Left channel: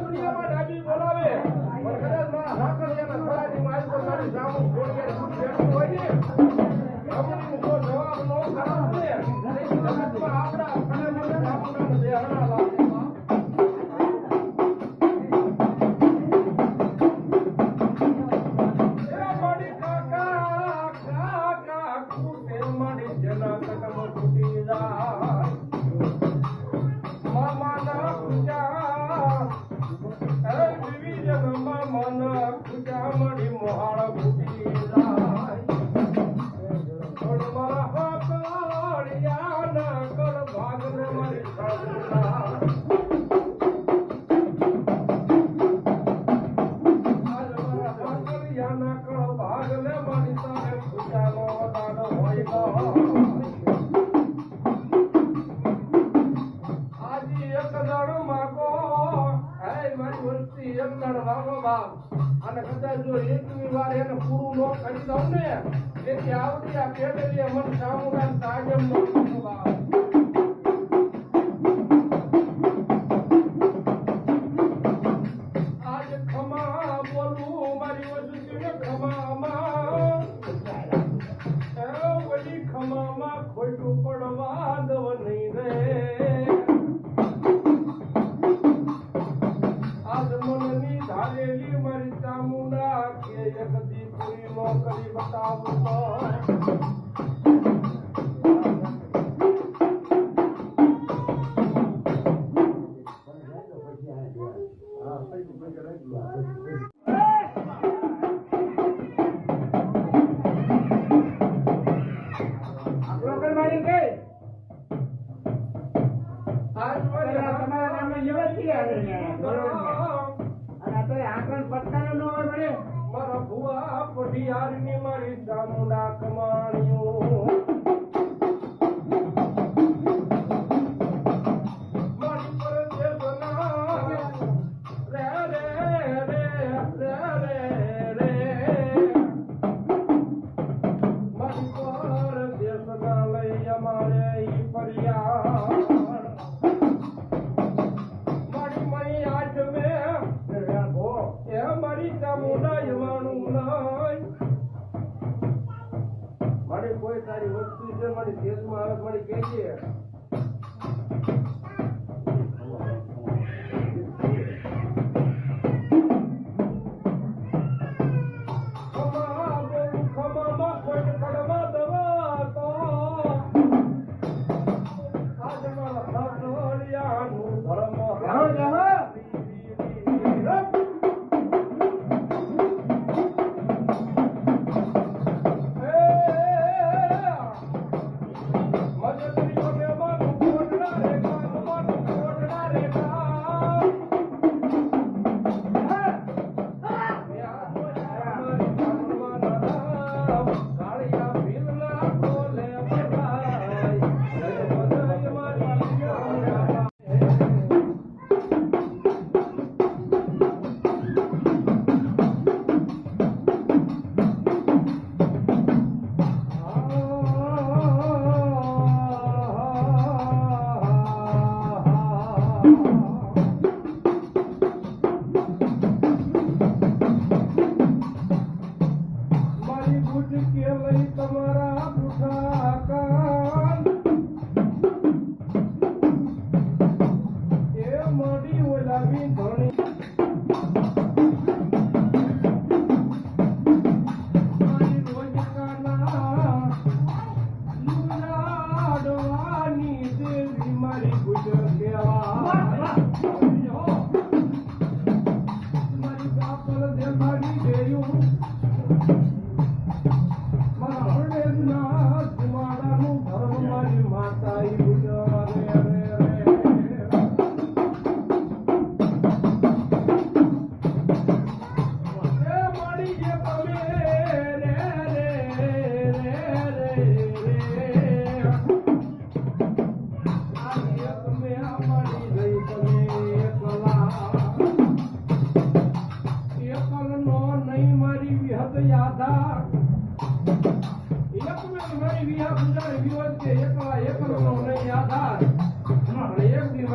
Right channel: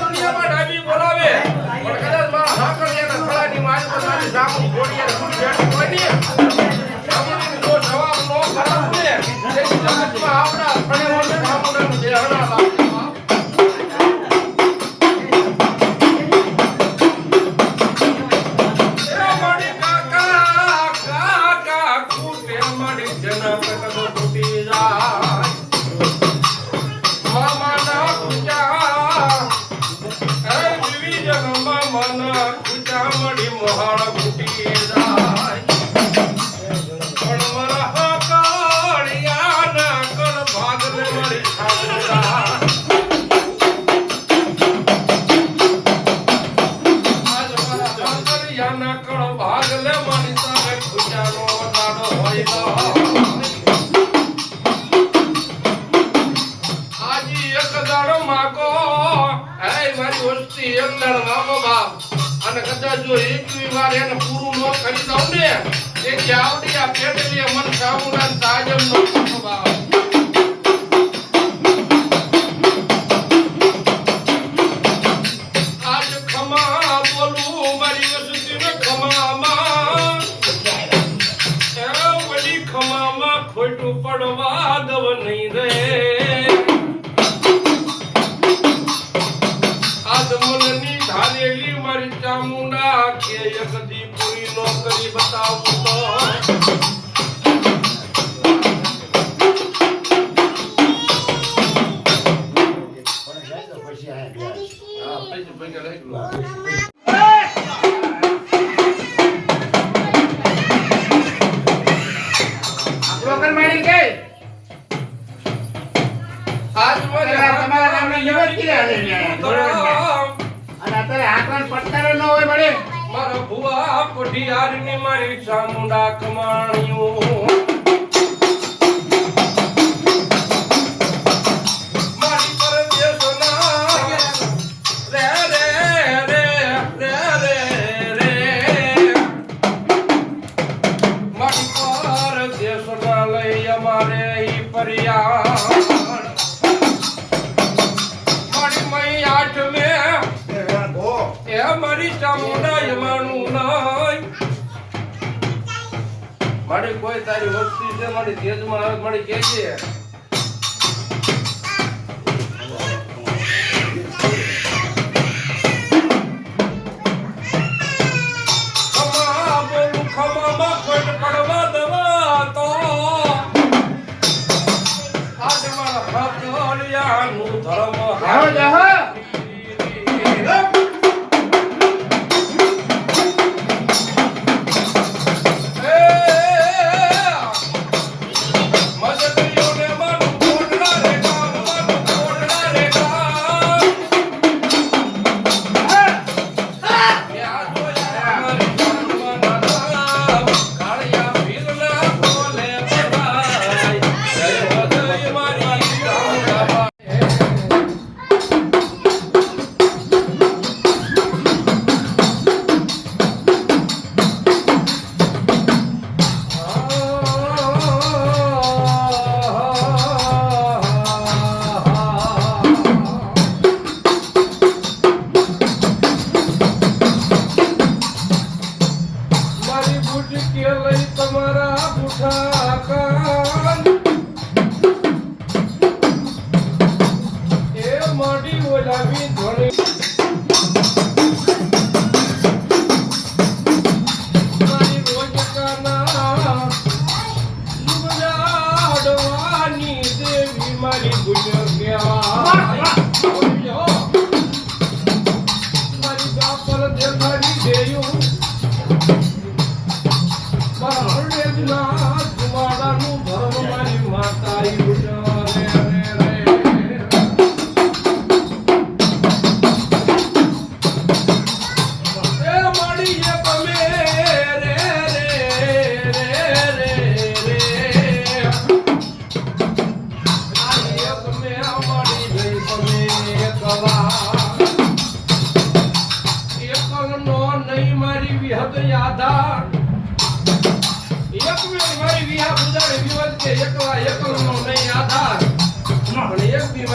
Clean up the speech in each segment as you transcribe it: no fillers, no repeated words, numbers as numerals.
દુનિયામાં ડાબી બોલાવે પણ કદાચ મારા હાકરિયાના ખળાની મારી પર મારી જામુન ઘોડિયા જેટલું હોય ને જામુનની જો જવાબ નો કરે ને તેથી જગતમાં આપણા ફળેવાળા જામુનનું બેહણા લાગે અને કદાચ જો એકવી વાર એને પૂરું ન કરી દઉં ને તેથી આવડી આ પેટલીએ મન સામુના તાજમ નો સ્વભાવ આજ ખમા બોલું મારી વસુતીને ખમામાં એ વળી ખમામાં ખોટું પડવા દવ નહીં રે મારી ચામુંડા કે એકદી પૂરી નો કરી બતાવું તો મારા ભુવા કોઠિયારની મારી ચામુંડા કમાણ્યું મારી પરદેશના રે રે રે રે રે રે મારી પરદેશના લઈ અમારે ઈ પરિયા મારી મઈ આઠ મે મારી ચામુંડા યમાનું નાય મારી કોઈ તારી વસ્તી છે મારી તેજમાં આવે મારી કેજે ખમા બોલું ખમામાં કોઈ પડવા દવા તો આજ મારા હાકરિયાનું ધર્મ હા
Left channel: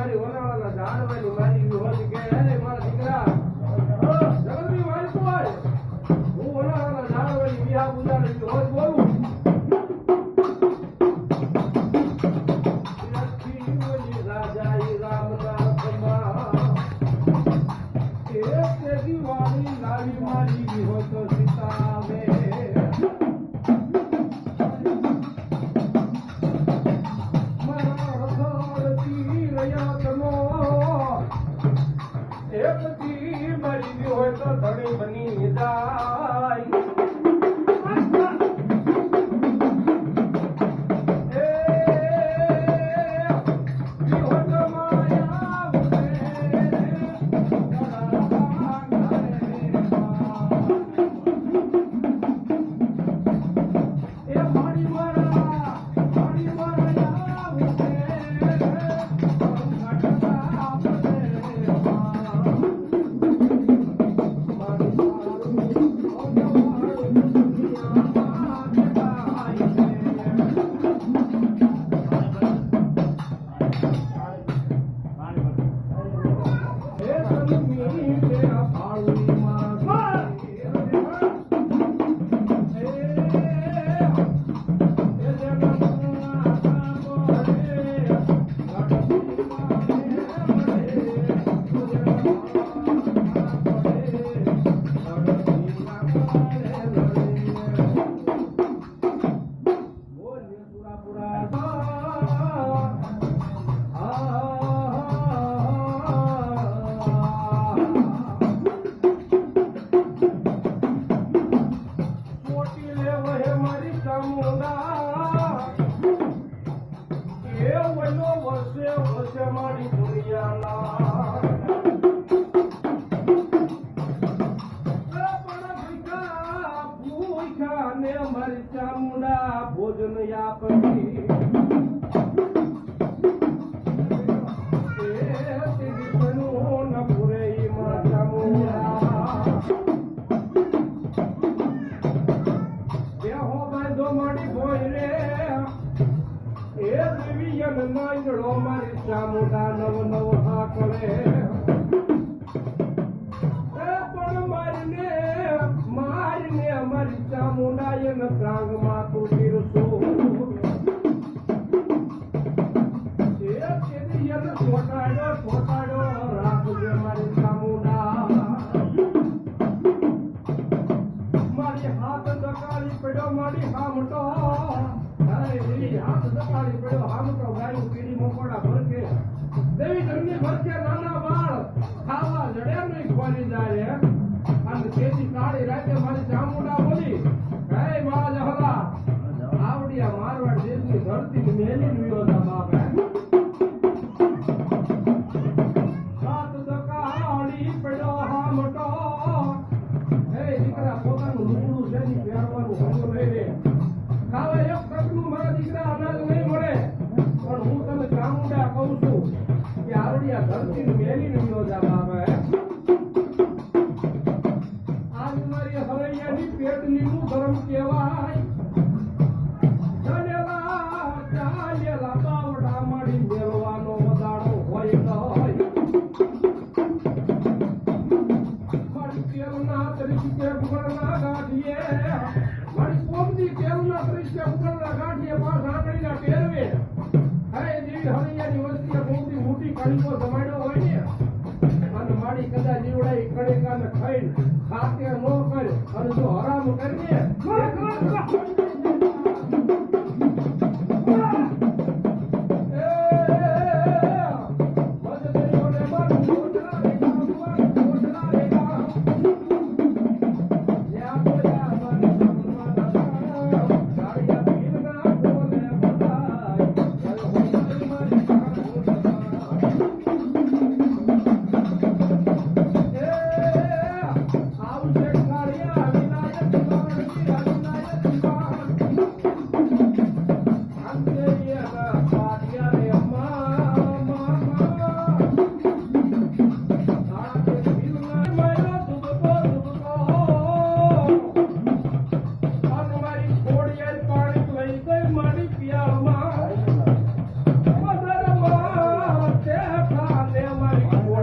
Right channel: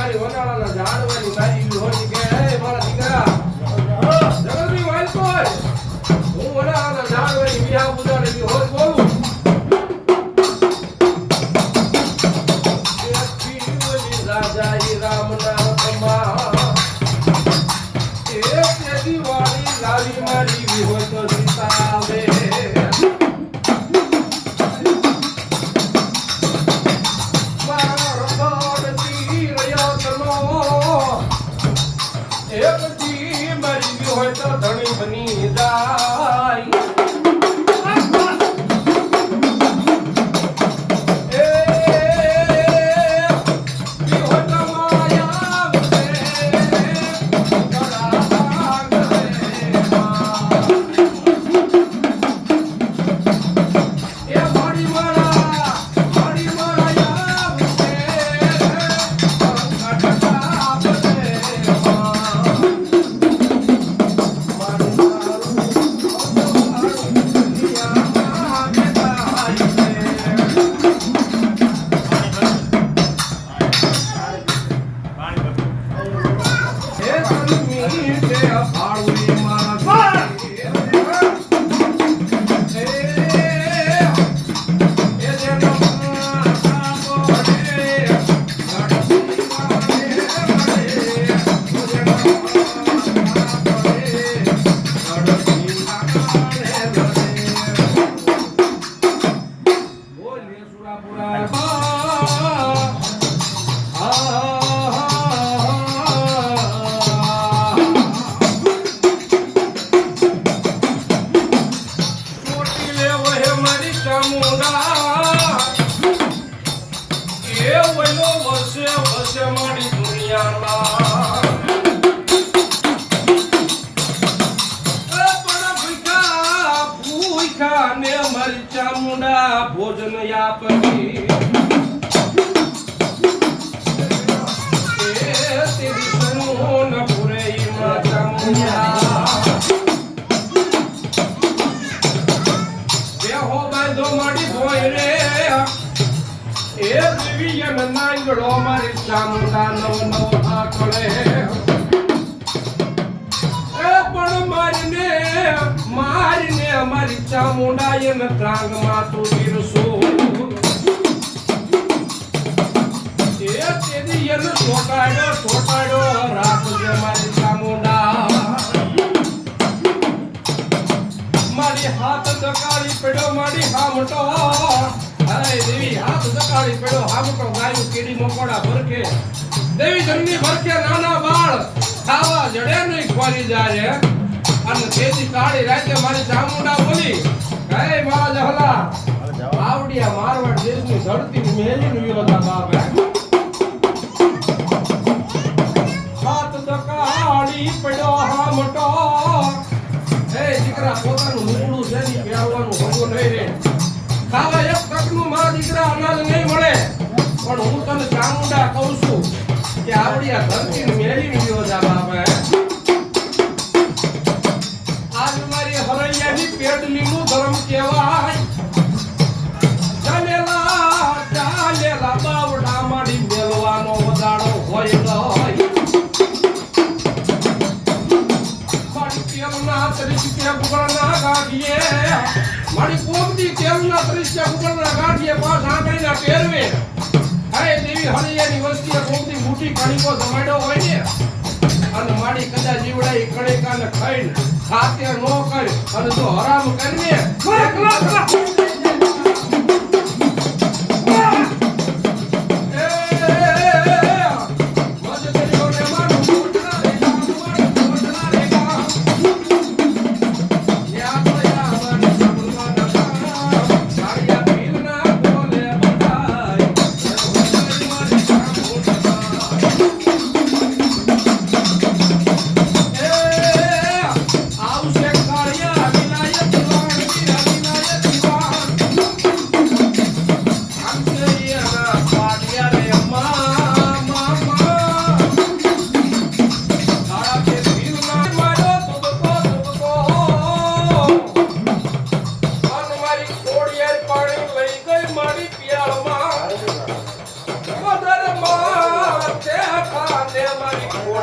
મારી વનાળાના ઝાડવાની નારી હોય કે હે મારા દીકરા જગતની વાલ કોઈ હું વનાળાના ઝાડવાની વિયા ઉડાડેલી હોય બોલું રાજાઈ રામના કમા એક દિવાળી લાલી મારી હોય તો સીતાવે હોય તો ધણી બની જાય ભોજન યાપતી તેરી સનોન પુરે માતા મુયા બેહો બાંધો માડી ભોય રે એ દિવ્યન નાંગડો મારી ચામુંડા નવ નવ આકળે મારીને અમારી ચામુંડા એને ટાંગમાં તું ગીરસો એ તેની એને છોટાડ્યો રાખજે મારી ચામુંડા મારી હાથ દકાળી પડ્યો મારી હામટો અરે દેવી હાથ દકાળી પડ્યો હામટો ગાયું કીડી મકોડા ભરકે દેવી જંગની ભરકે નાના બાળ ખાવા જડે નહીં ખોરી જાય અને તેજી કાળી રાતે મારી ચામુંડા બોલી હે મારા જહલા આવડિયા મારવાડ દેશની ધરતી મેલીને વિરોધા બાપ હાથ દકાળી પડ્યો હામટો હે દીકરા પોતાનું લુગડું છે ની પહેરવાનું હગો નહીં રે ખાવા એક તકનું મારા દીકરા અનાજ નહીં મળે પણ હું તને ચામુંડા કહું છું કે આવડિયા ધરતી મેલીને વિરોધા બાપ પેટલીનું ધર્મ કહેવાય ચાલેલા બાવડા માડી મેલવાનો વદાડો હોય માડી તેલના તરીકે ગુગળના ગાંઠીએ માડી પોમની તેલના તરીકે ગુગળના ગાંઠીએ પાસ આંગળીના પહેરવે હે દેવી હરિયાની વસ્તીએ પોમની મોટી કાળીકો જમાડ્યો હોય ને અને માડી કદા જીવડાઈ કણેકાને ખાઈને ખાતે નો કર અને જો હરામ કરને આવશે કાળિયા વિલાયત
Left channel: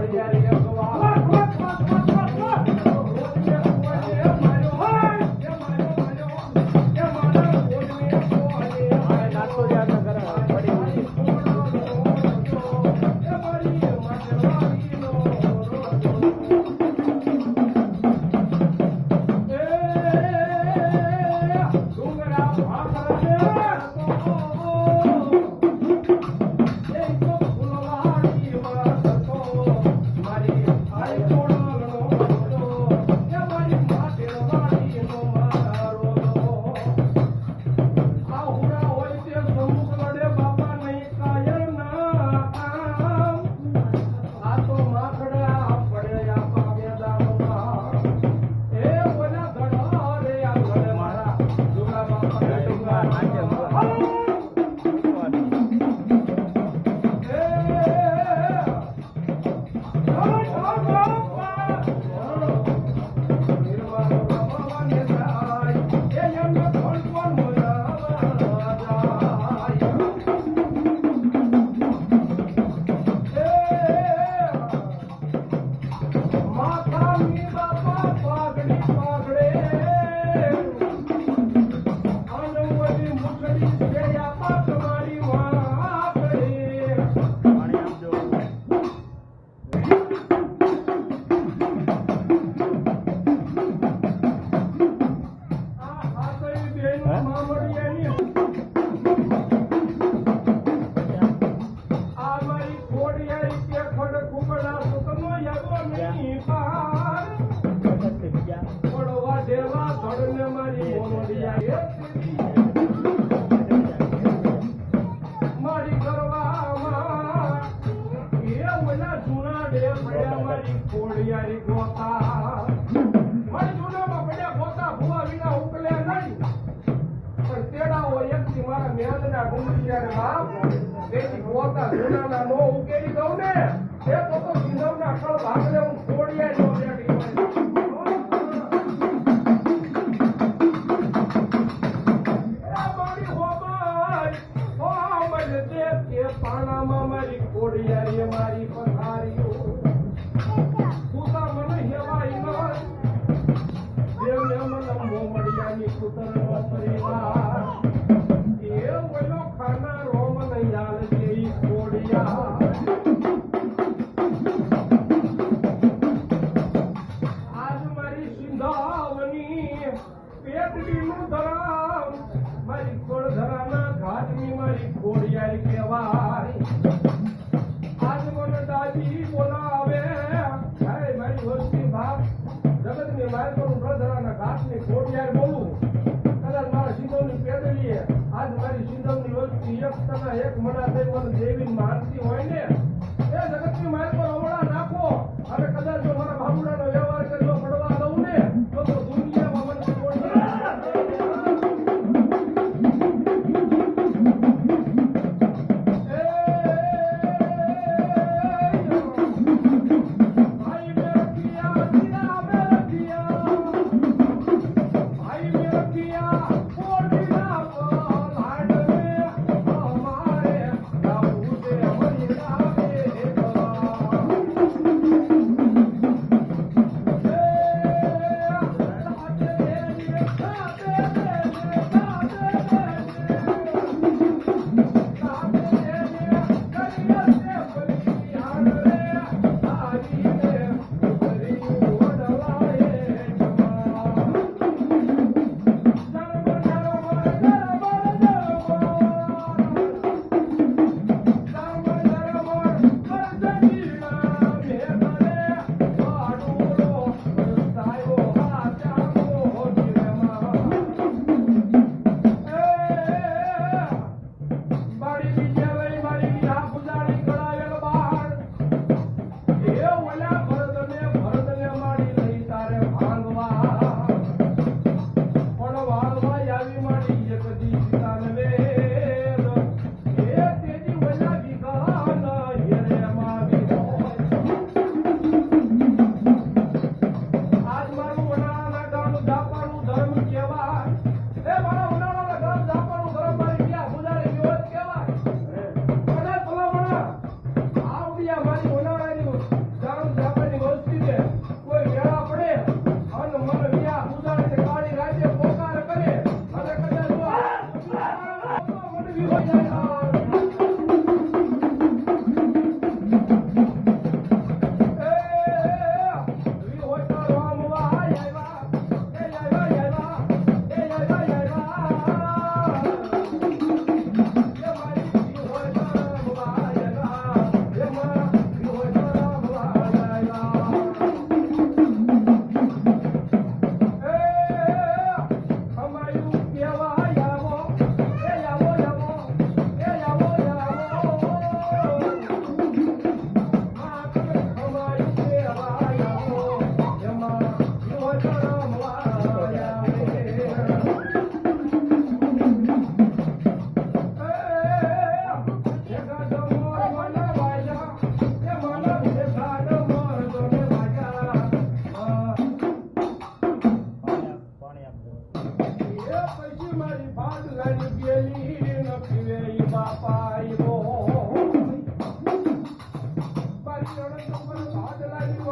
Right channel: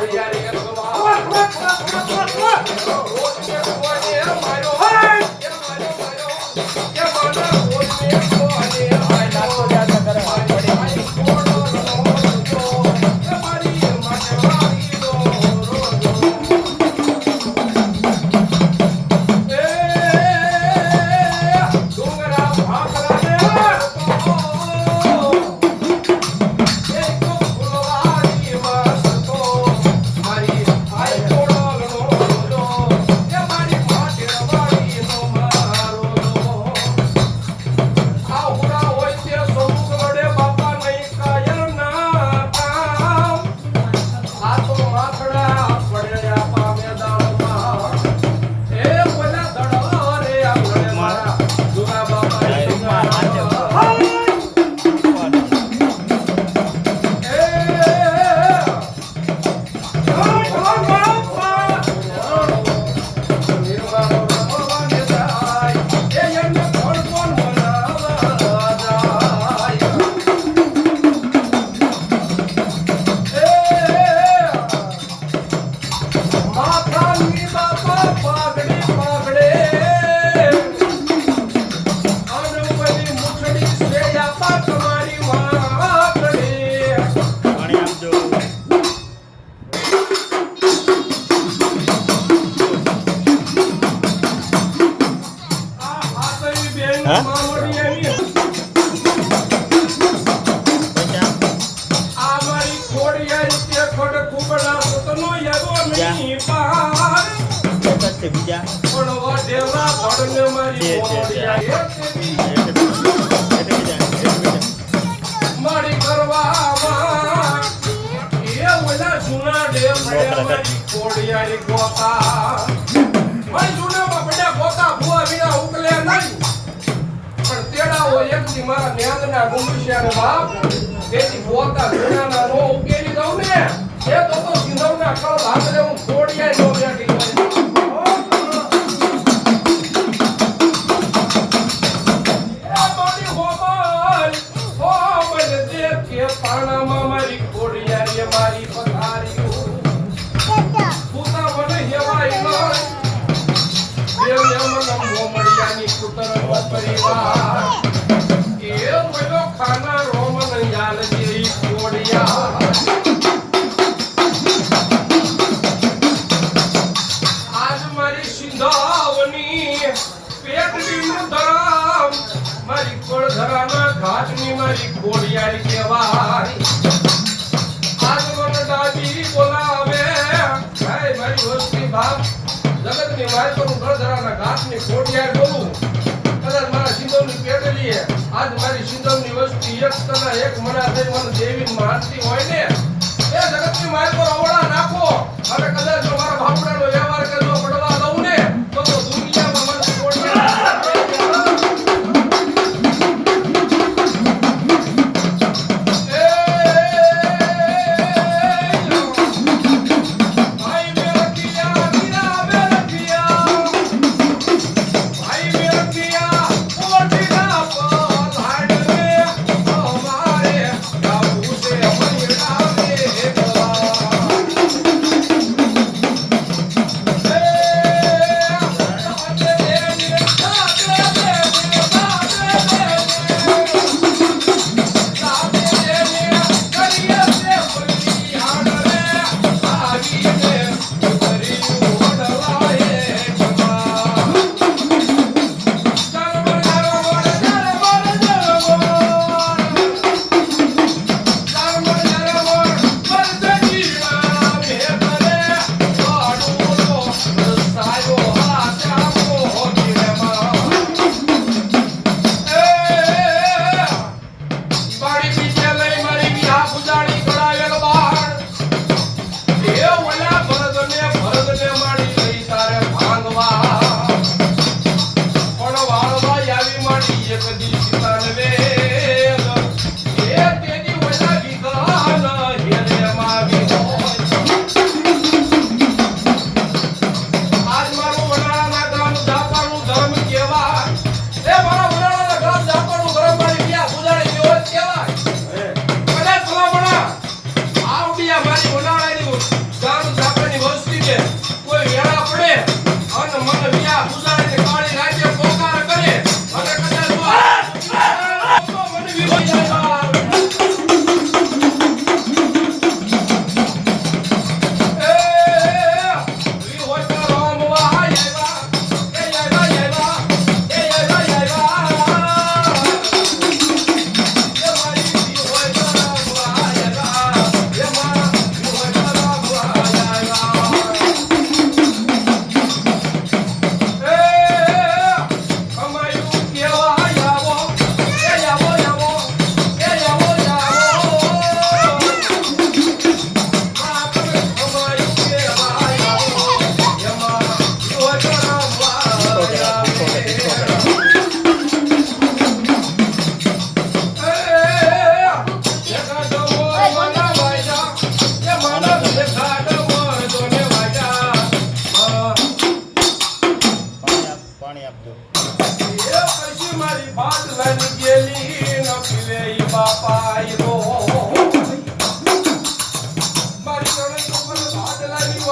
Bye.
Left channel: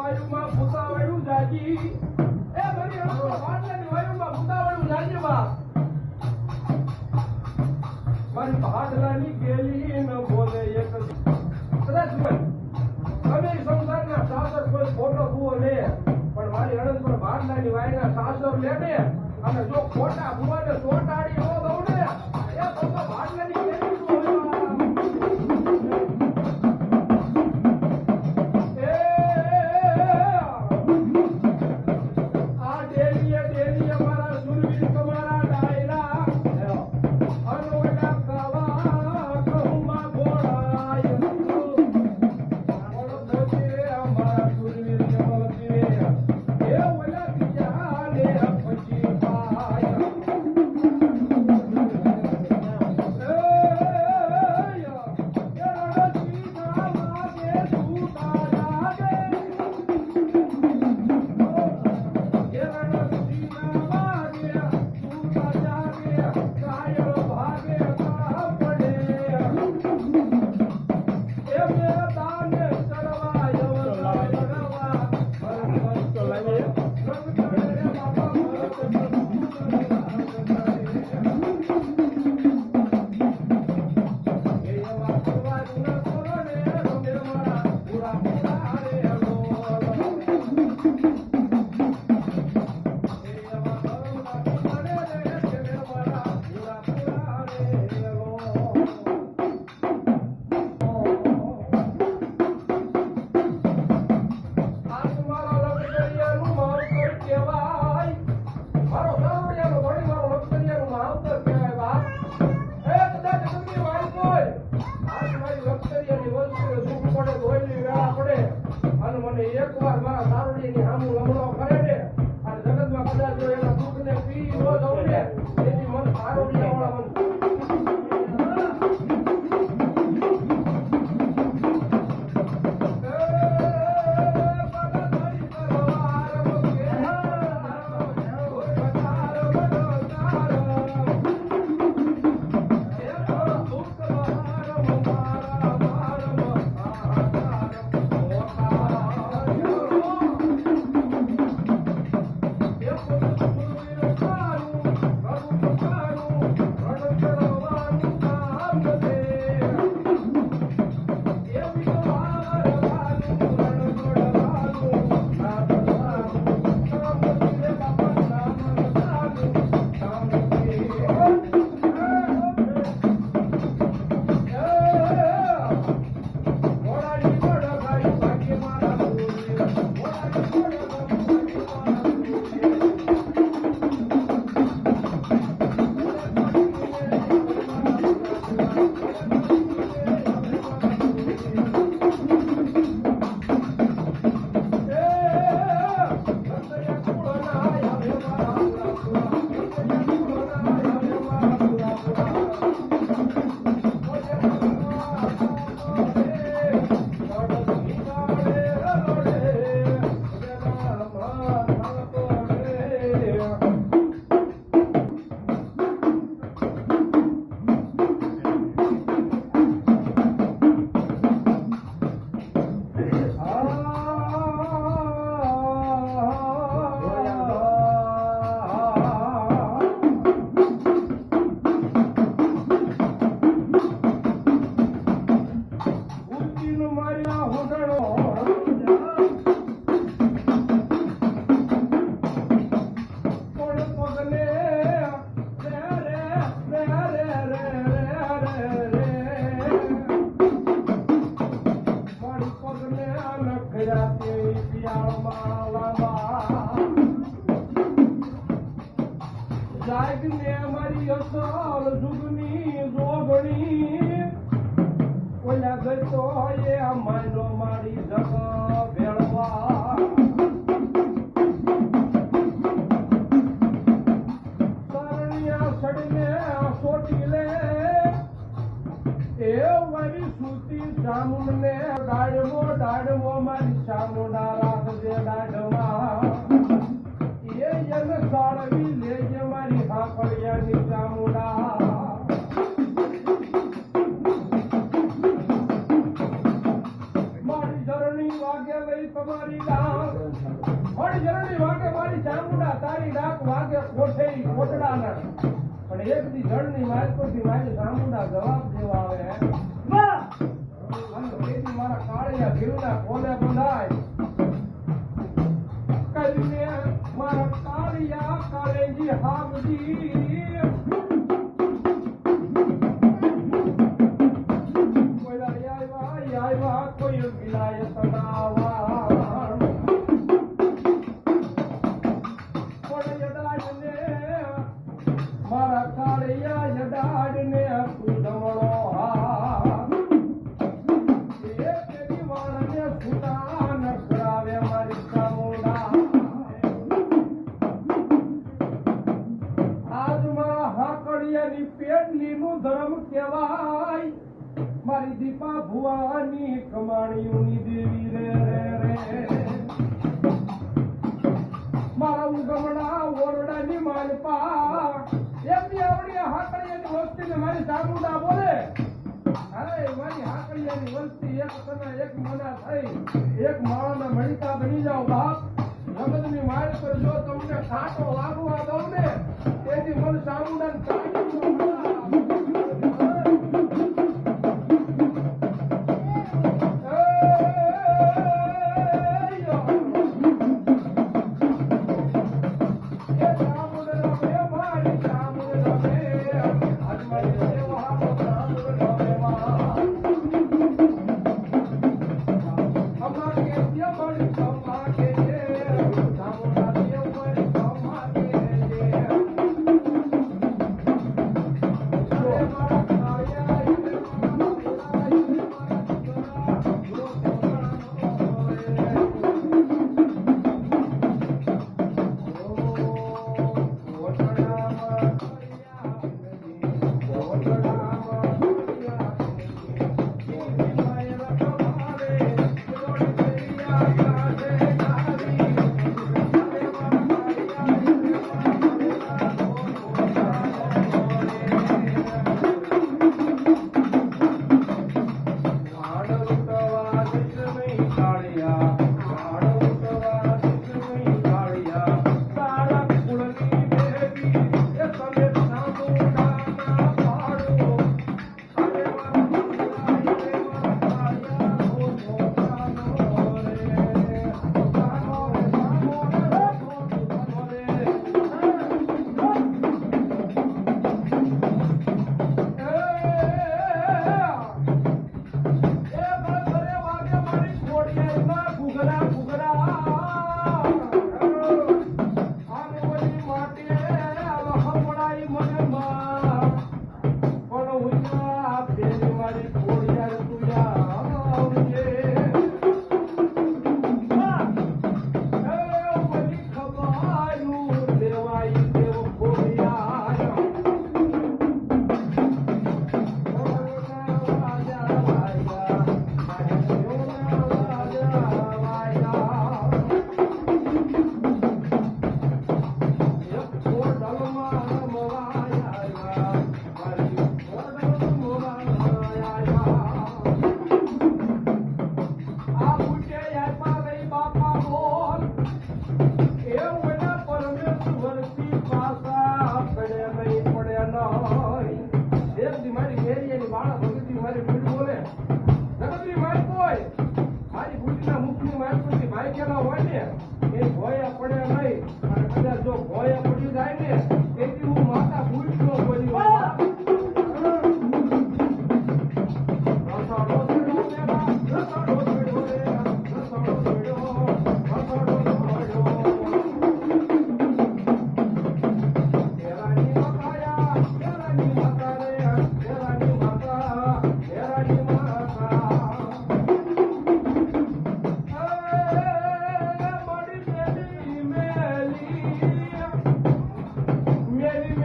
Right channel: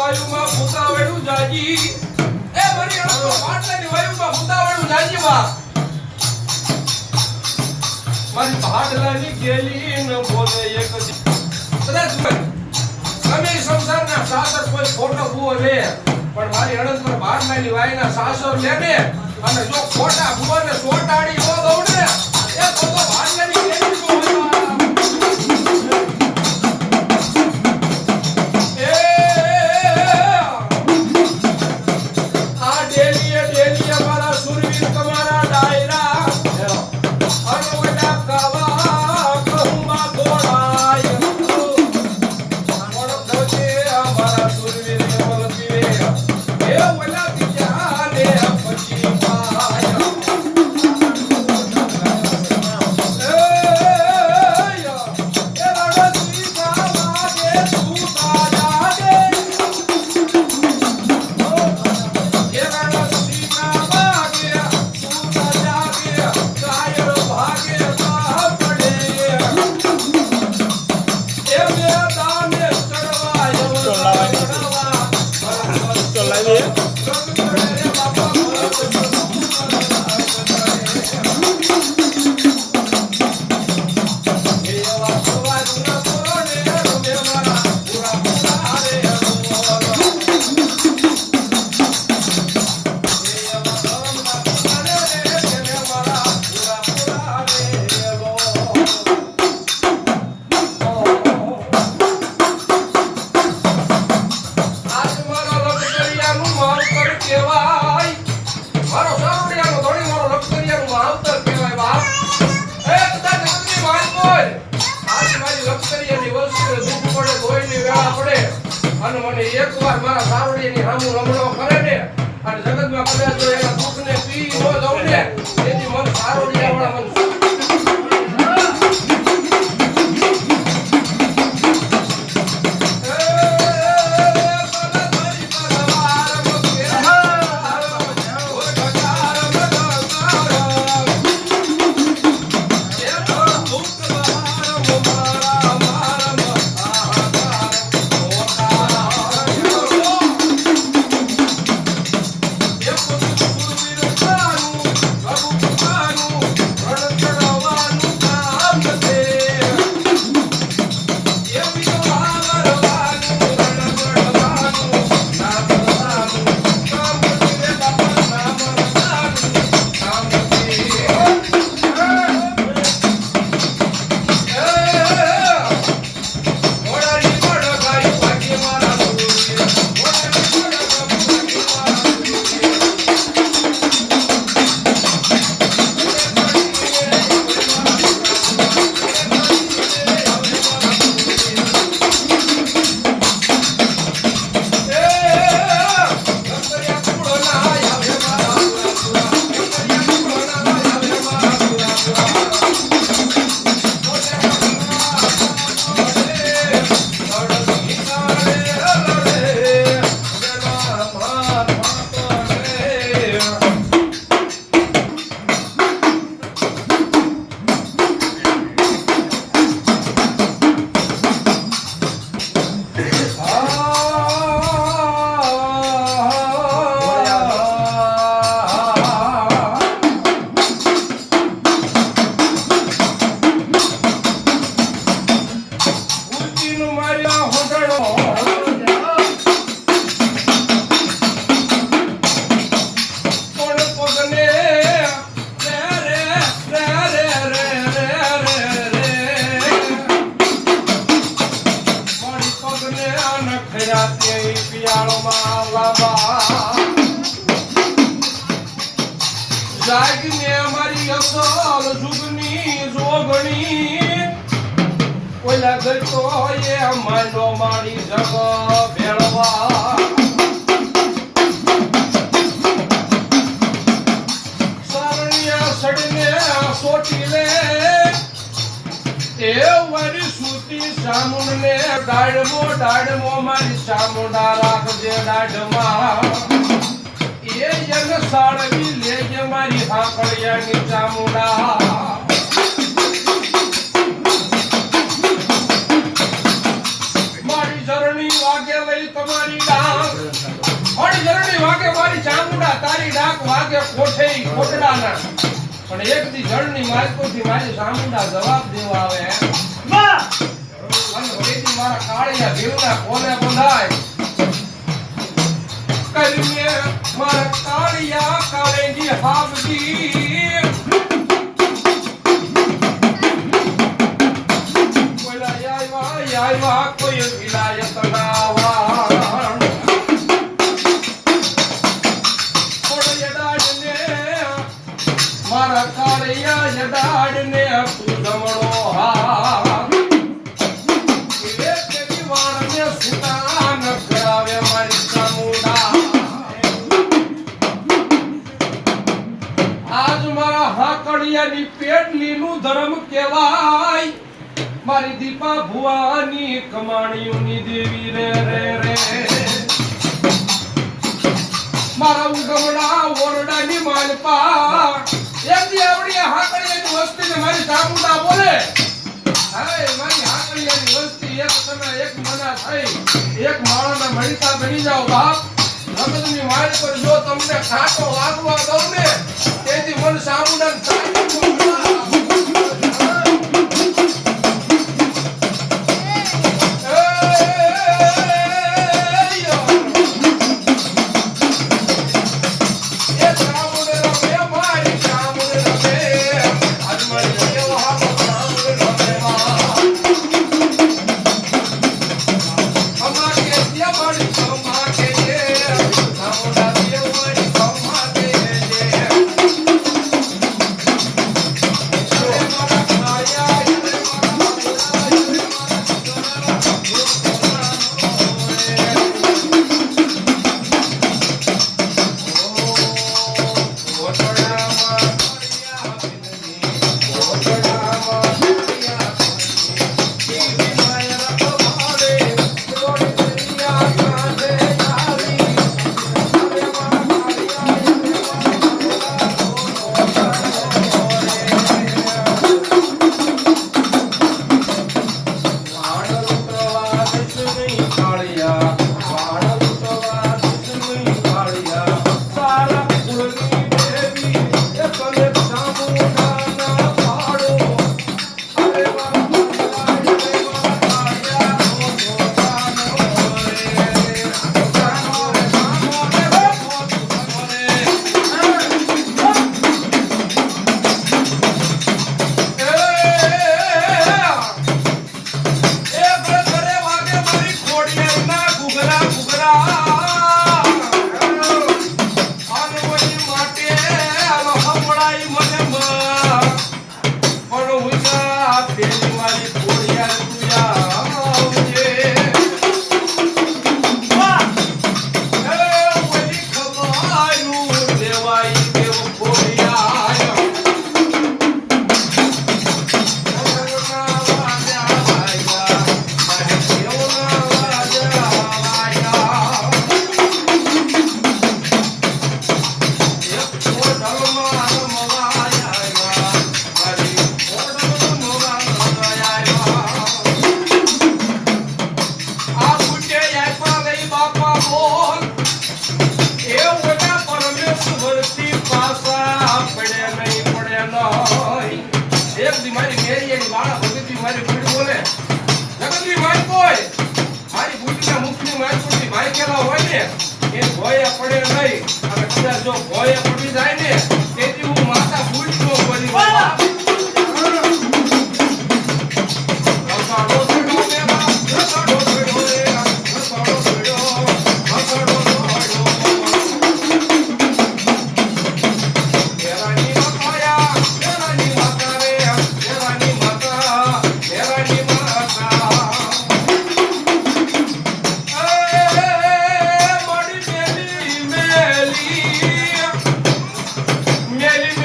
વાયુમાં ફૂટાવેલું જાજી એ મારી અણકો પાટલાની વાયુમાં ફૂટાવેલું જાજી બા મારી ભાડલાની ગેલી ન બોલે એક કદાચ તમે સંસારના સાસર કોઈ ખોટો ભૂવો લે પણ મારી અણંતર ભાડલાની વાયના સાસર લે ને અને જો ખોટા ભૂવાને સોટાડી ન દઉં ને એ તો ભાડલાની ગેલી નો એકવાર મારા સાવડીની હામું રમણો કરે ને અને જગતમાં કદાચ જો એના દુઃખને પી ન દઉં ને તેથી મન સાવડીયાવાળા મન જાગને મારી અસલ જુગની જોગણી ઓલા ગતો એ માંડો મારી જગ ભેળવા સારણિયા સડને સોટી લે એ વારી સુતી સામુંડને ડાળમો મારી સામુંડા રાખજે ડાઢમાં એ જન સાળવી લેજે મારી હાકળિયાની ચામુંડા મારી ધરણી વાગે લઈ તમારી ડાળ તારી ડાક વાગે કોઠે કોટડાના પણ એક દી જળની માલકોથી મારી સામુંડા જવાબ દેવા આવે વાહ અને વળેથી મારા કાળિયા દેવના કોને બંધાય કરીને મારા કાળિયા કાળેજી હાવજી આયવા કોઈ વિલાયત ના મારા કાળિયા જડાડને તું જમણો હા તેરી વાળને સુતા ન કરાવે મારી સામુંડા આજ મારા હાકડિયાની પેટલીનું ધર્મ કહેવાય મારી દીપા ભુવાની કમાણીઓની દેવી રે રે રે મારા ઉગમડા ઓરડાની માલપા એક દેવડી હાકડિયાની વસ્તીને મારી સામુંડા બોલે હાય મારી હાકડિયાની વસ્તી એક તમે એક મના થઈ એક માળાના મણિતા બની જાઓ બાપ નગદની માળ પર જો તમને ખાટો વાગવા દઉં ને તેથી મન સામુંડા જો ભોય પડી જાય ને તેથી હું માતા ભૂલ નો બની મેલી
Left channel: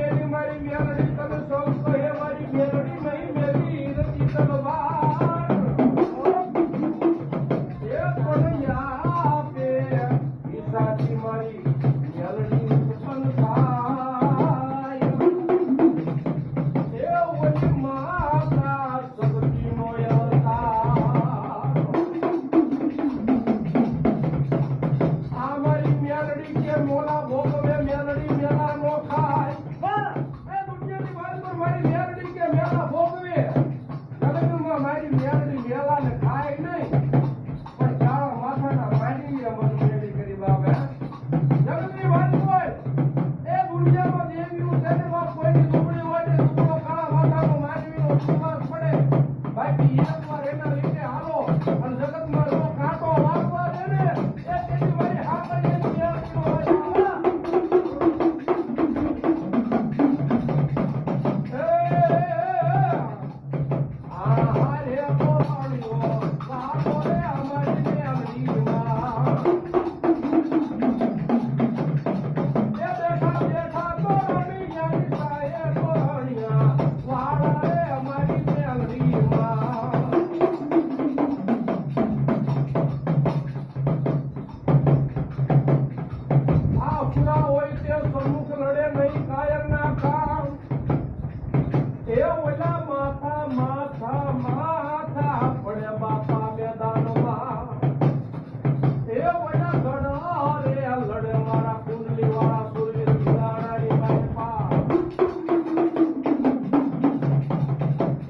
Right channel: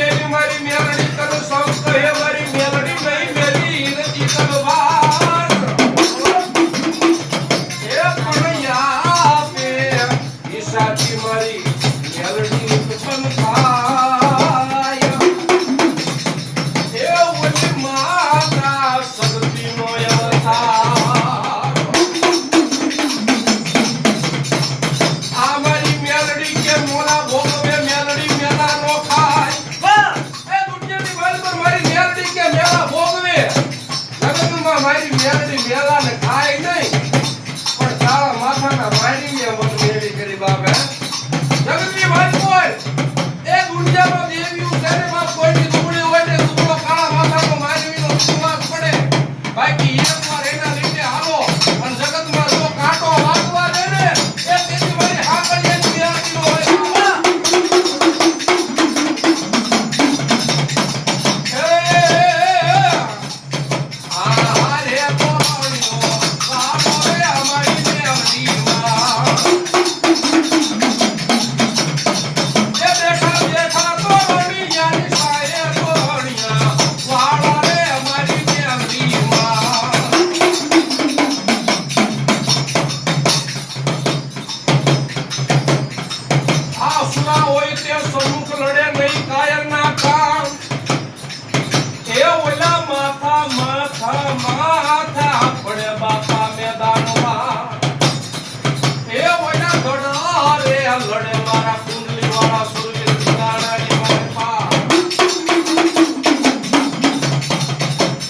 લડે મારા કુંડલી વાળા સૂર્ય દિગાડાની મારે પા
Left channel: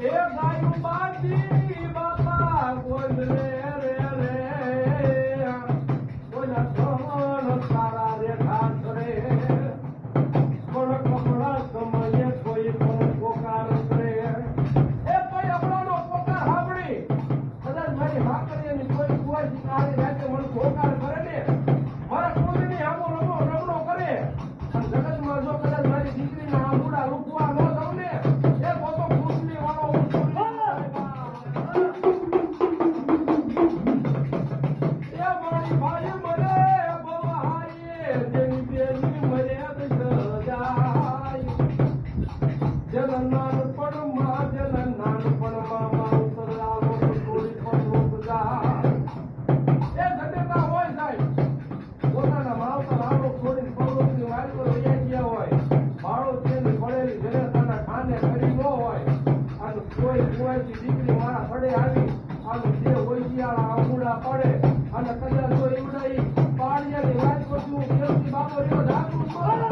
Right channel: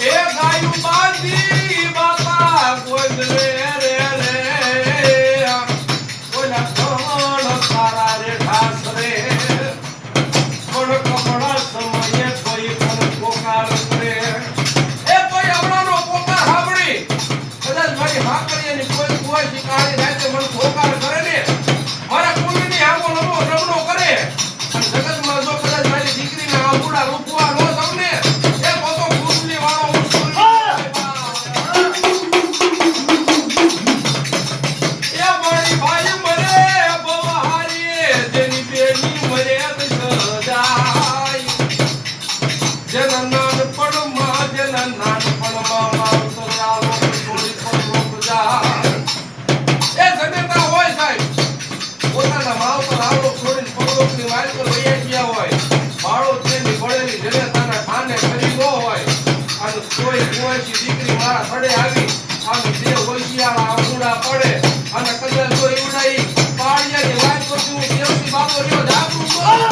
એ ગાયું બાંધી બાપા કોઈ રે રે રે કોઈના કોણ તારા રે ઠાસ રે કોણ કપડા સમયે કોઈ પણ પોકાર રે એ કોઈ આવડાનો પોકાર સાંભળી કદાચ મારી હા કરીએની કોઈ કોઈ શિકારી રાતે મને પોકાર કરે ને મારા કુંડની આંખો રમણો કરે અને જગતમાં જો કદાચ મારી દીકરીને આંબુડા રૂપવા ન તમને એ પોતો કુંડલી વાળો હું એ મારી ભાઈ મરે બહારી જેની બેની મરે સજાય જેના નાનપણમાં મારું તો ચાલો છોડી પણ લોક જાય એ જનેતા હોય સાહેબ પોતાના માવતર આવડો છોડીને પગલોકની વાયકલ વૈયા ગયા હોય બાળો તેની પડેલી જનેતાના ઠાને કરી ન હોય અને કોઈ કુંવાસી દીકરી મારા પડે આવી આમ દેવ હોશિયાળા આંબુડા પડે અને કદાચ જો ઈવડાઈ પાળિયાની વાત કરતી હું દેવસી બાપો રહ્યો જાગૃત બોલે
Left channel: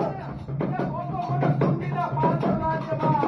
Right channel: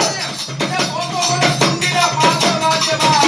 એ પોતો મને કુંડીના પાછળ વાંચે બા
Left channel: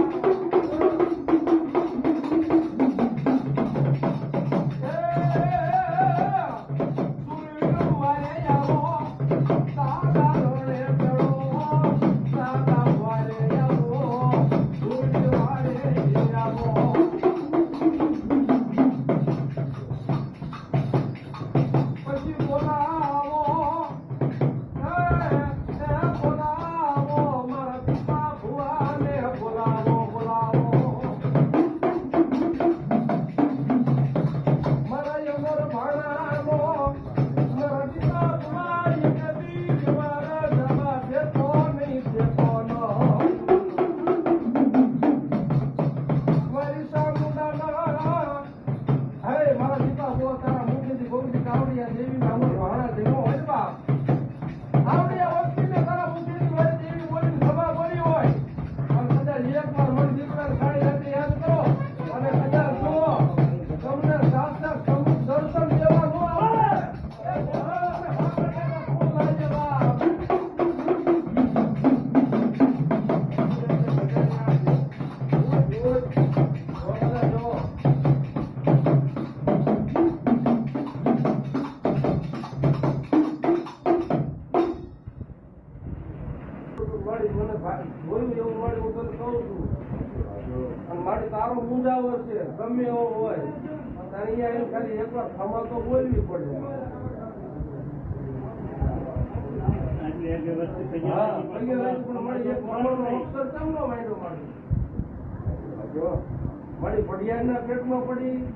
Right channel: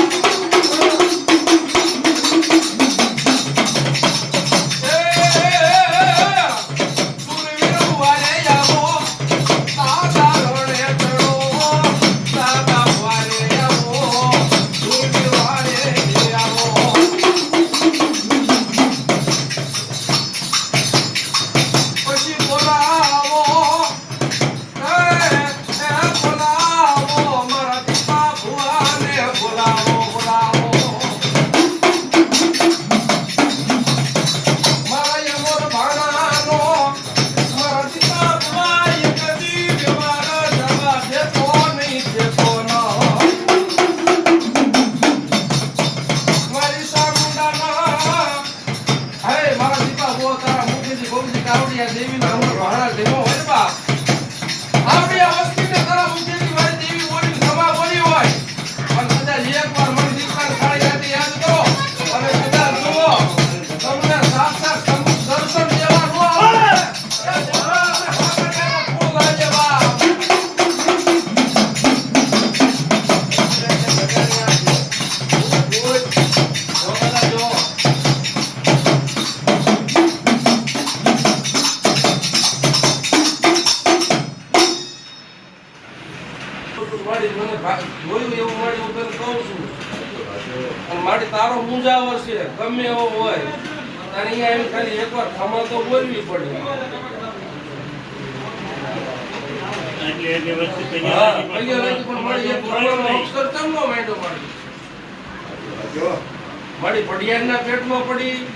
મારી તારો મુંજાવર છે ગમે એવો હોય તારે અહીંયા એમ ખાલી એકવાર ખમા તો બોલવી પડે મારી પડિયાના પેટમાં પડી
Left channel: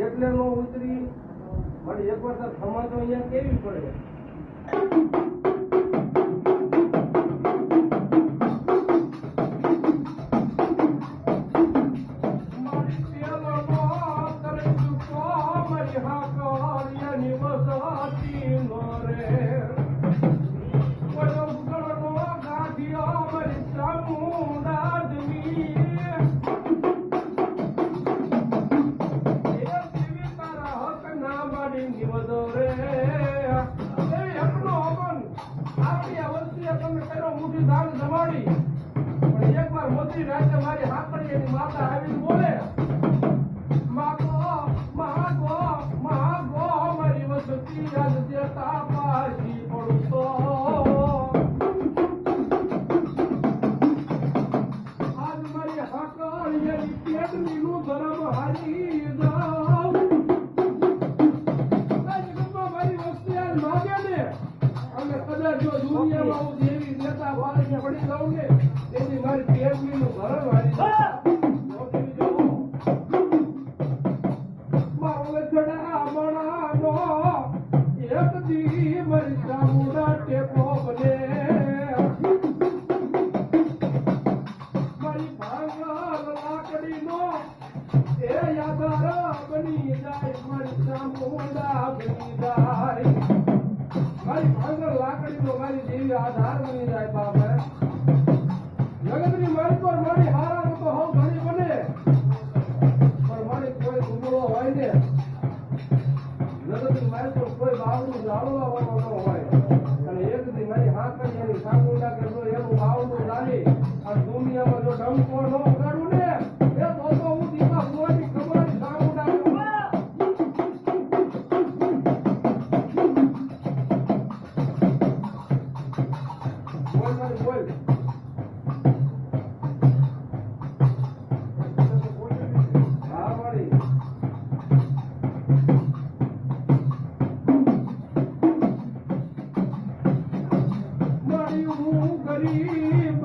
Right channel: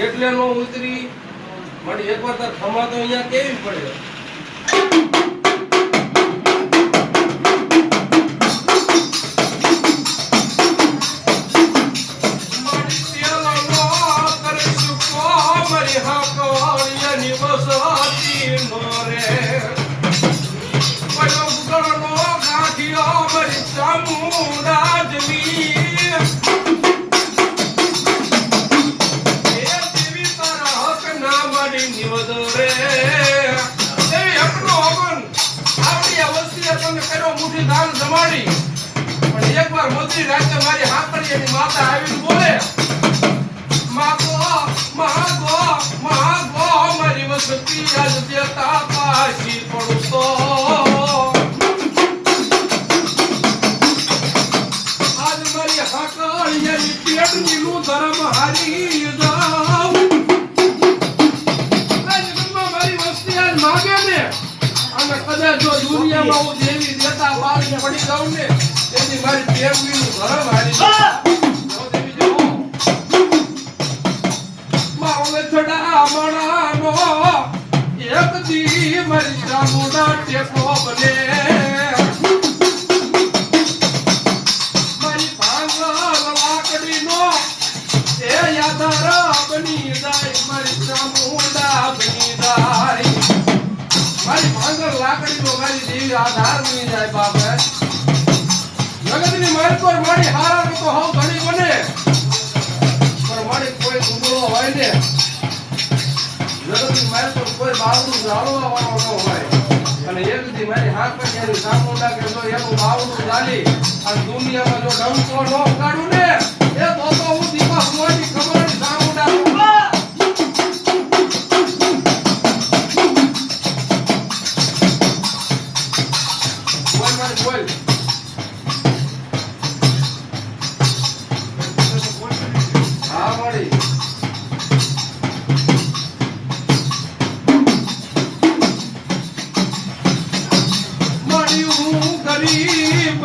એટલે નો ઉતરી મારી એકવાર તાર ખમા તો અહીંયા કેવી પડે મારી હાકડીની માતા આવીને બોલે મારી વસતી આજ દેતા પાછી પડતો આજ મારી હાકડીની પેટની નું ધર્મ હારી જાવ આજ મારી વસતી આજ માગે ને અને કદાચ જો દુનિયામાં હું દેવી દેતા પાછી પડી જાઉં ને તેની મારી પેટની ધર્મ હારી એક દી મારી ચામુંડા ટેકો બને મારી ભાંગલ લાકડીનો એ યાદાર બની જાય મારી ચામુંડા બની જાય મારી ભાંગલ લાકડીનો મારી દેવી આધાર બની જાય બાપ જગતની મારી પર મારી હારા તો હવ ઘણી બને પણ મારી કોઈ ગુંગળો હોય ને જગતની મારી પર કોઈ બાવડું ઝાડવા વાળો ન હોય અને એક દી મારી હાકરિયાની સામુંડા કે જો એનું બાવડું ઝાલી આ દુનિયામાં જો ડંકો ન કાઢું ને એ તો હું દીપા મોની ખબરની સામુંડા બોલ હા મળી ગરીબ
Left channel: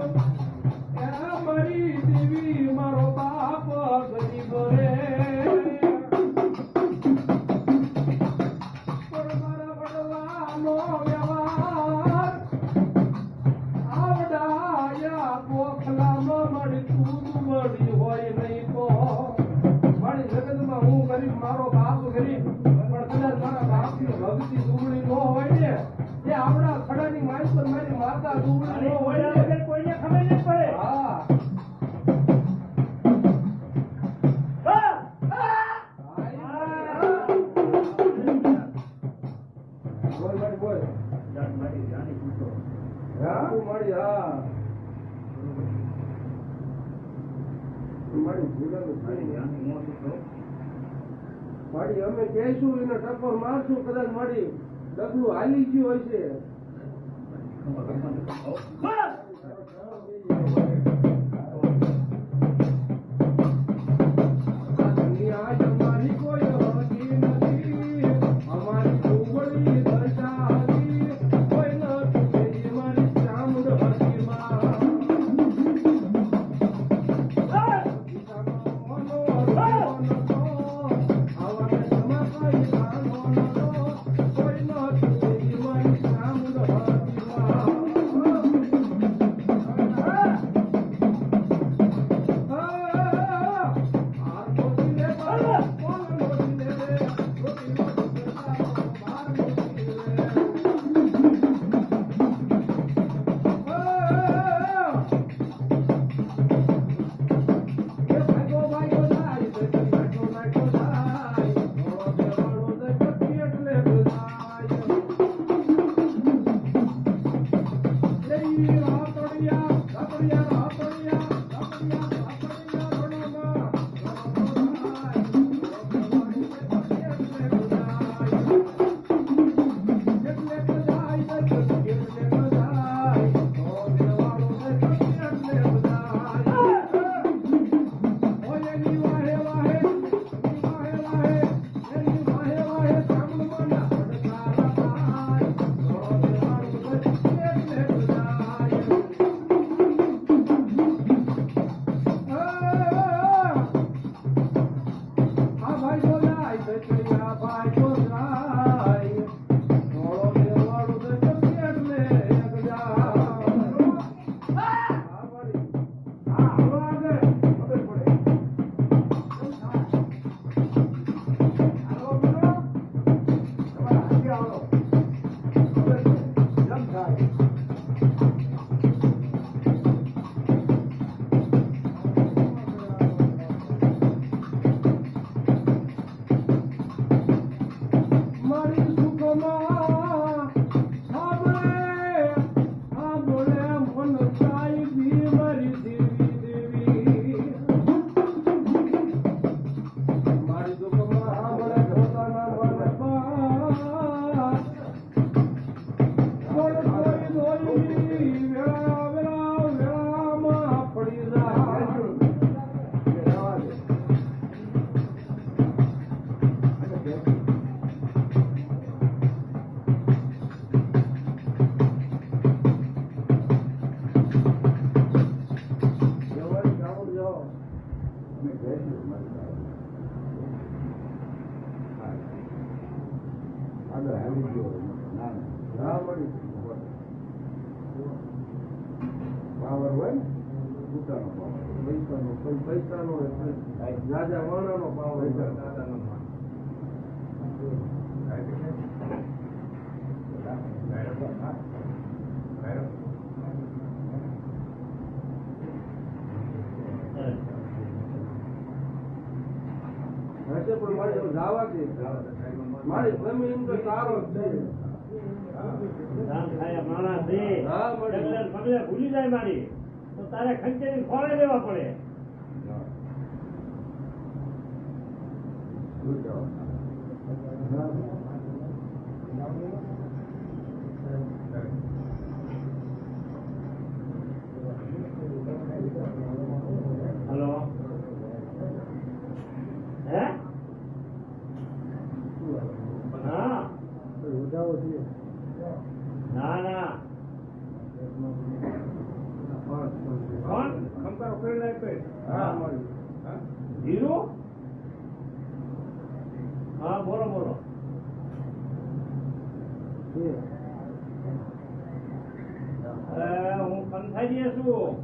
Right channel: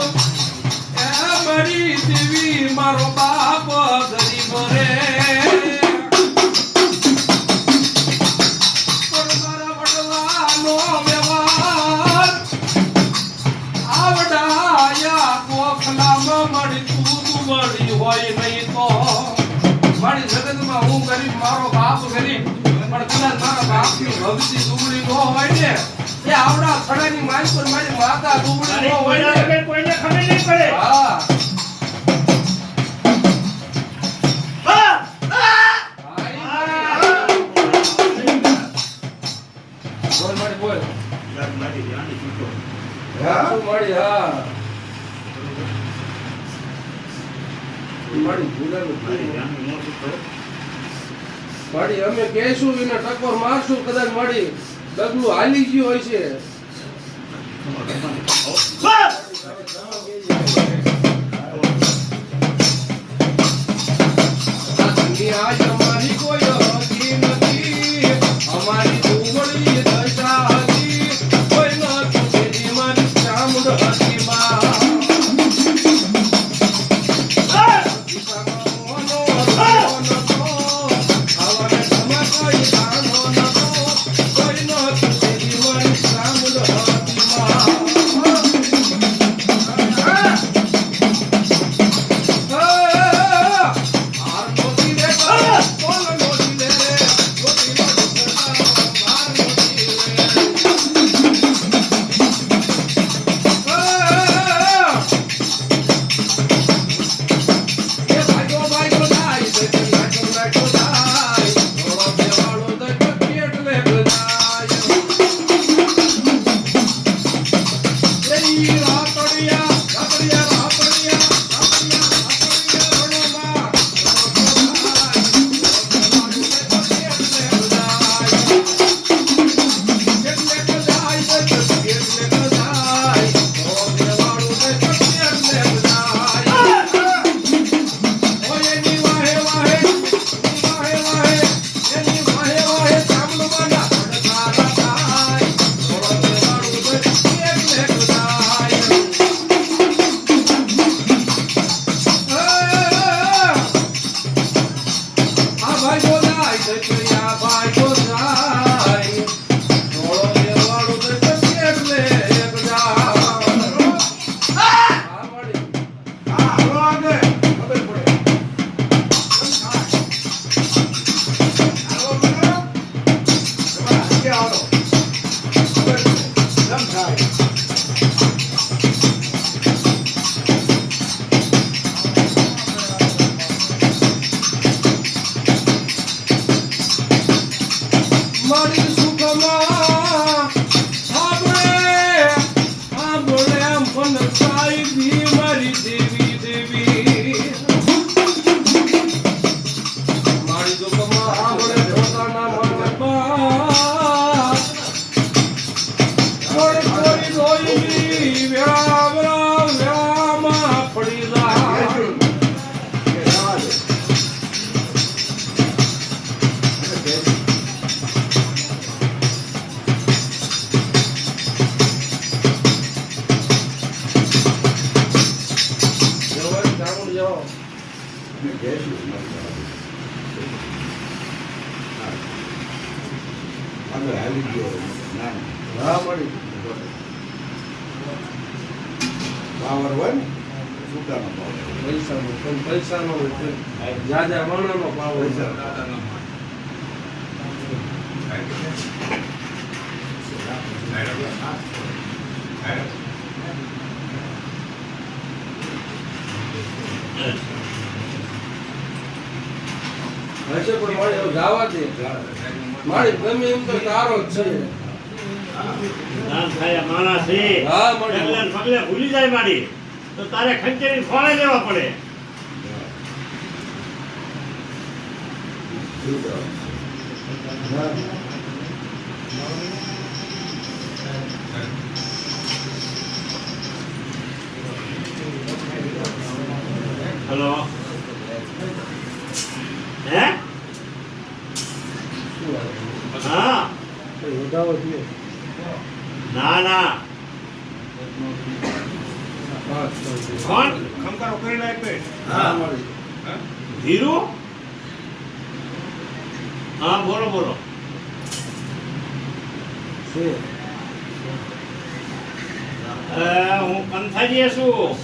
એ મરી દેવી મારો બાપ ગરીબ રે મારા વડવાનો વ્યવહાર આવડાયા કોખલામાં મળી તું મળી હોય નહીં તો મારી જગતમાં હું ગરીબ મારો બાપ ગરીબ પણ કદાચ મારા બાપની ભક્તિ દુબળી ન હોય ને એ આવડા ખડાની માઈ પર મારી માતા દુબળી ન હોય ને કોઈને ખબર નહીં પડે. હા બોલ મારી બોલ મારી જાની છૂટો. હા મારી હા મારી ભૂલાનું મારી જાની મોટું કરો. મારી અમે કહેશું એને ટકોર મારશું કદાચ મારી ડગલું હાલી ગયું હોય છે આજ અમારી કોઈ હકી નથી અમારી દુબળી દશા હતી કોઈ નથી મારી ચામુંડ હતી પાવર હોય ને સુકાનો પૈસાનો જાજા માણાનો પાવર હશે પણ જવા દે મારી ગમે એમ તો તારો જ છે દાન થાય માણસ છે હા મળી પગલે ને પગલે ભૂલી જાય મારી તો તારે ખંચેરી ખોળે લેવા પડે હલો હે હા ના ના કોણ ખમકારો કરીને આપે. હા મળી ધીરુ હા બોલો બોલો હું કંથાજી છું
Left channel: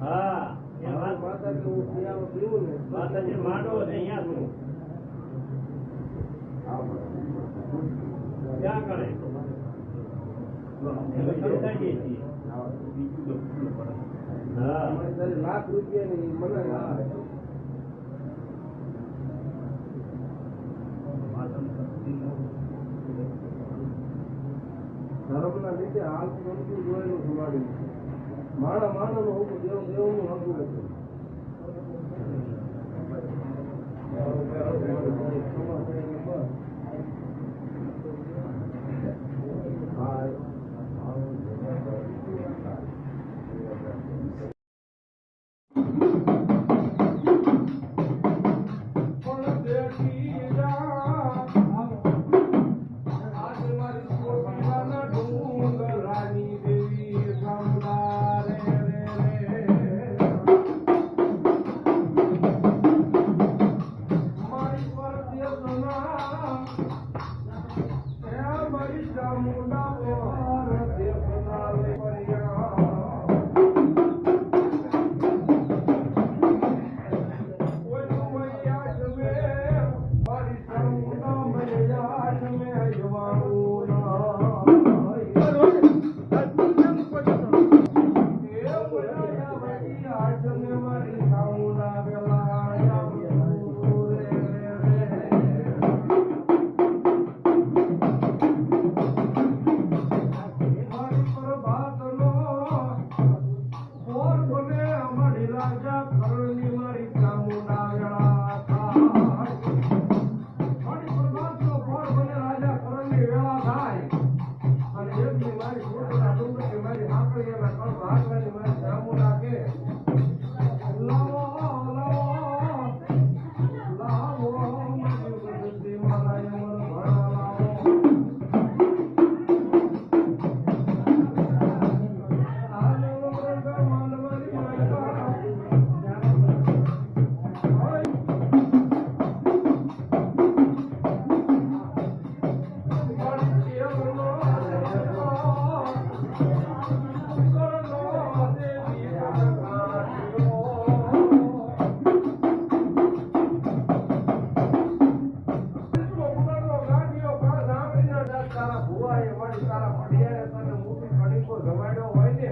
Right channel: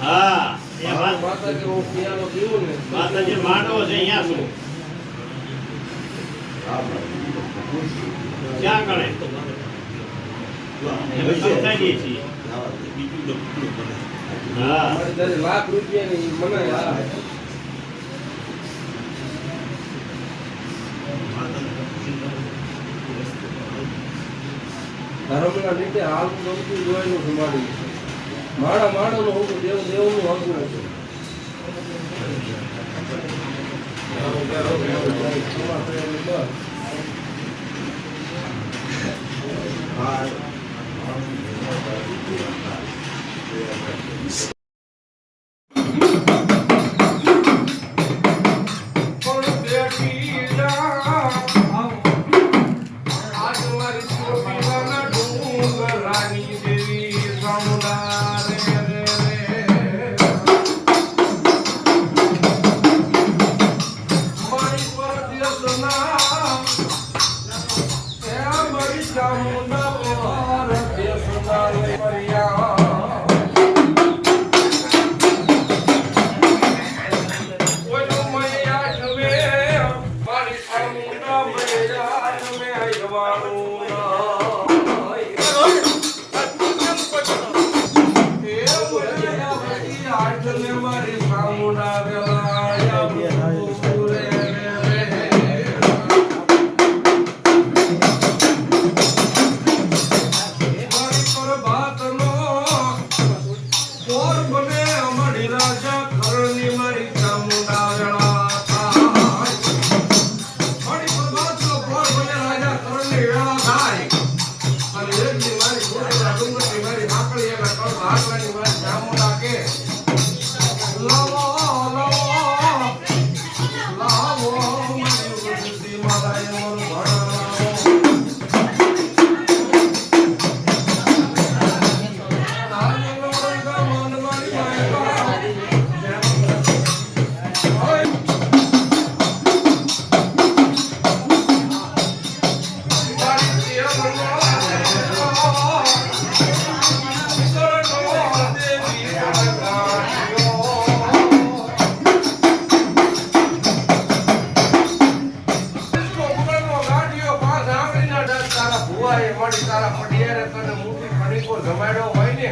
હા એ વાત માતા કે હું પિયાનો પીવું ને માતાજી માંડવો છે અહીંયા છું ક્યાં ગણે અમે કંથાજી છીએ હા મારી તારી લાખ રૂપિયાની મને હા ધર્મના લીધે હાલ ગમતું જોયેલું સંભાળ્યું છે માળા માળાનું હોવું દેવનું હકું હતું પણ બેઠી જા આજ મારી ચોટીલાના ડુંગરાની દેવી ચામુંડા રે રે રે. મારી પરદેશના એ મારી ચામુંડા પરદેશના રે પરિયા. ઓલો મૈયા જમે મારી ચામુંડા મૈયા જમે આયવાનું ના. એ મૈયા બધી આઠને મારી ચામુંડા વેલાયા બહુ રે રે રે. મારી પરબાતનો પોર બને અમારી રાજા ખરણની મારી ચામુંડા વેળા થાય. મારી પરબાતનો પોર બને રાજા ખરણની વેળા થાય. અને એકની મારી ખોટના ડુંગરની મારી હાકળી એના કળ હાકલાની મારી ચામુંડા કે લાવો લાવો લાવો મારી બુદ્ધિ મારા એમન ભણાવો. તારા પડિયારે તને મોટી કડીકો જમાડ્યો હોય ને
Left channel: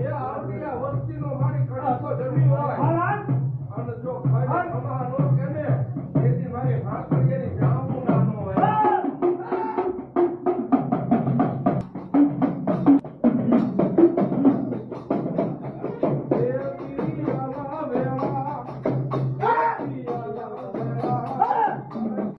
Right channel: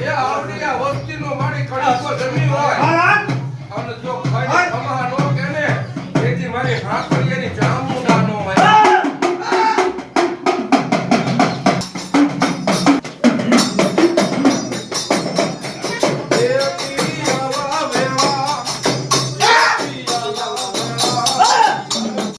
એ આવડી આ વસ્તીનો મારી કડીકો જમી હોય અને જો ખાઈ ખમા નો કે ને તેથી મારી હાકળીયાની જામ